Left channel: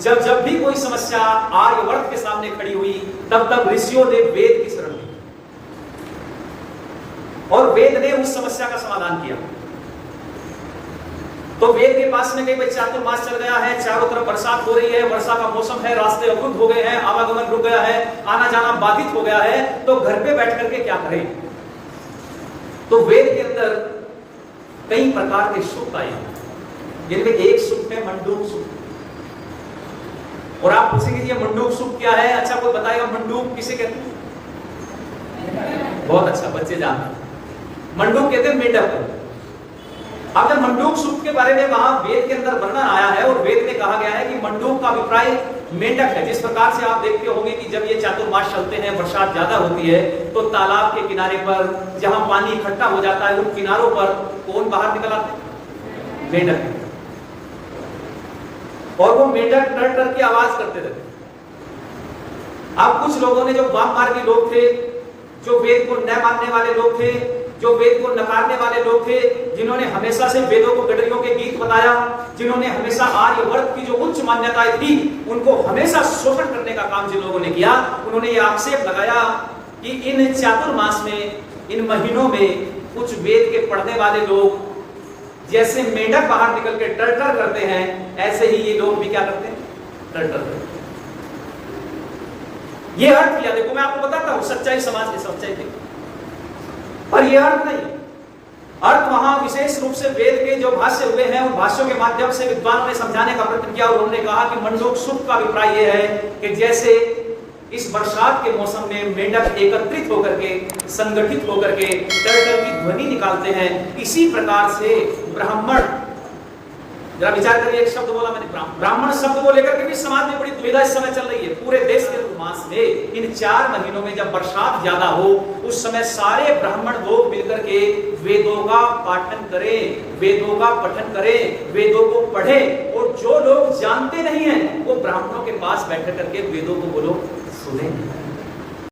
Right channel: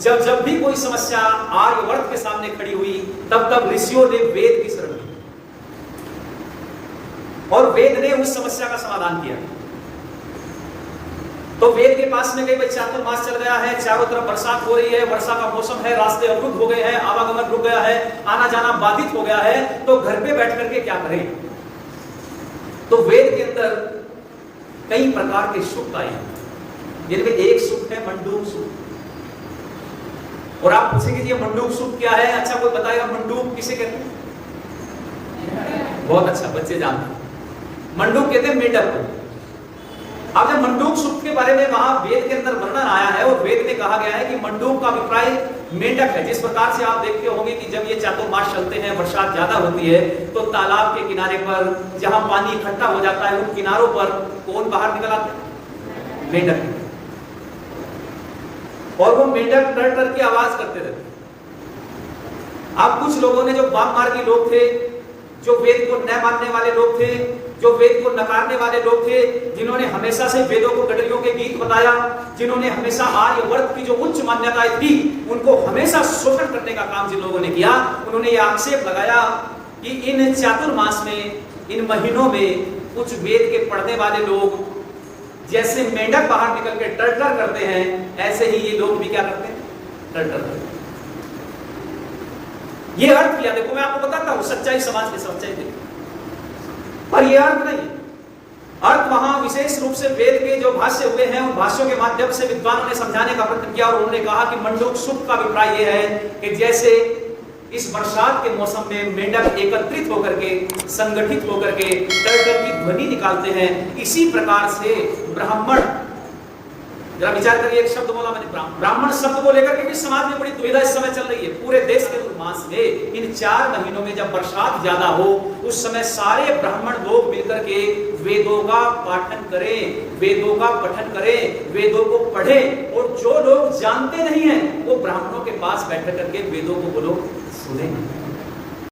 जब जब भी कोई समस्या आर्यवर्त के सामने खड़ी हुई, तब तब ऋषियों ने वेद की शरण ली और वेद ने उस समस्या का समाधान किया। तो वेद के पास में गई, भाई चातुर्मास चल गया है, चारों तरफ बरसात हो रही है, वर्षा का मौसम है, रास्ते अवरुद्ध हो गए हैं, आवागमन रुक गया है, आना जाना बाधित हो गया है, तो घर पे बैठ करके क्या करें? तो वेद के अंदर कई प्रकार के सूक्त आए हैं, जिनमें एक सूक्त है मंडूक सूक्त। और आप पूछेंगे ये मंडूक सूक्त क्या है? अच्छा, कोई बताएगा मंडूक किसे कहते हैं? बहुत अच्छा, बच्चे जानते हैं। मंडूक कहते हैं मेंढक को। अब जब मंडूक सूक्त के बारे में वहां वेद के अंदर वर्णन आया है और वेद में कहा गया है कि मंडूक का अभिप्राय मेंढक है। जिस प्रकार से आप देखते होंगे कि जब ये चातुर्मास चलते हैं, बरसात ज्यादा होती है, तो तालाब के किनारे पर जहां पानी इकट्ठा हो जाता है, उन किनारों पर कौन बाहर निकल आते हैं? मेंढक। और वो मेंढक टर टर की आवाज करते रहते। अब कुछ लोगों ने, जो वाम मार्गी लोग थे, जो वेद को न मानने वाले लोग थे, जो वेद को नकारने वाले लोग थे, जिन्होंने हमेशा से वेदों को गडरियों के गीत बताया, जिन्होंने हमेशा आर्यवर्त की जो उच्च मान्यताएं थी उनको हमेशा शोषण करने का काम जिन लोगों ने किया, उन्होंने ये आक्षेप लगाया कि इन चातुर्मास में, इन महीनों में कुछ वेद के पढ़ने वाले लोग जैसे मेंढक बाहर निकल के टर-टर करते हैं, ऐसे ही ये लोग भी क्या करते हैं? टर-टर करते हैं। ये अर्थ किया, देखो मैं आपको बताता हूं, सच्चाई, समाज की सच्चाई देखिए। पर ये अर्थ नहीं है। अर्थ वहां विशेष रूप से वेद के जो भाष्य हुए हैं, उन भाष्यों के माध्यम से विद्वानों ने समझाने का प्रयत्न किया और उन्होंने कहा कि मंडूक सूक्त का अभिप्राय यह है कि जैसे इस बरसात के मौसम में मेंढक एकत्रित होकर के, संगठित होकर के टर-टर की ध्वनि निकालते हैं, इसी प्रकार से ब्राह्मण, जरा विचार करिए, एक शब्द बोला मैंने, ब्राह्मण शब्द को लेकर के भी समाज में बड़ी दुविधा इस समय चल रही है। पूरे देश के मास में इन 4 महीनों में जब बरसात ज्यादा हो, उस समय सारे ब्राह्मण लोग मिलकर के वेदों का पाठन करें, वेदों का पठन करें, वेदों को पढ़ें, और जो लोग जानते नहीं हैं वो ब्राह्मणों के पास बैठ करके वेदों को बोलो सुने।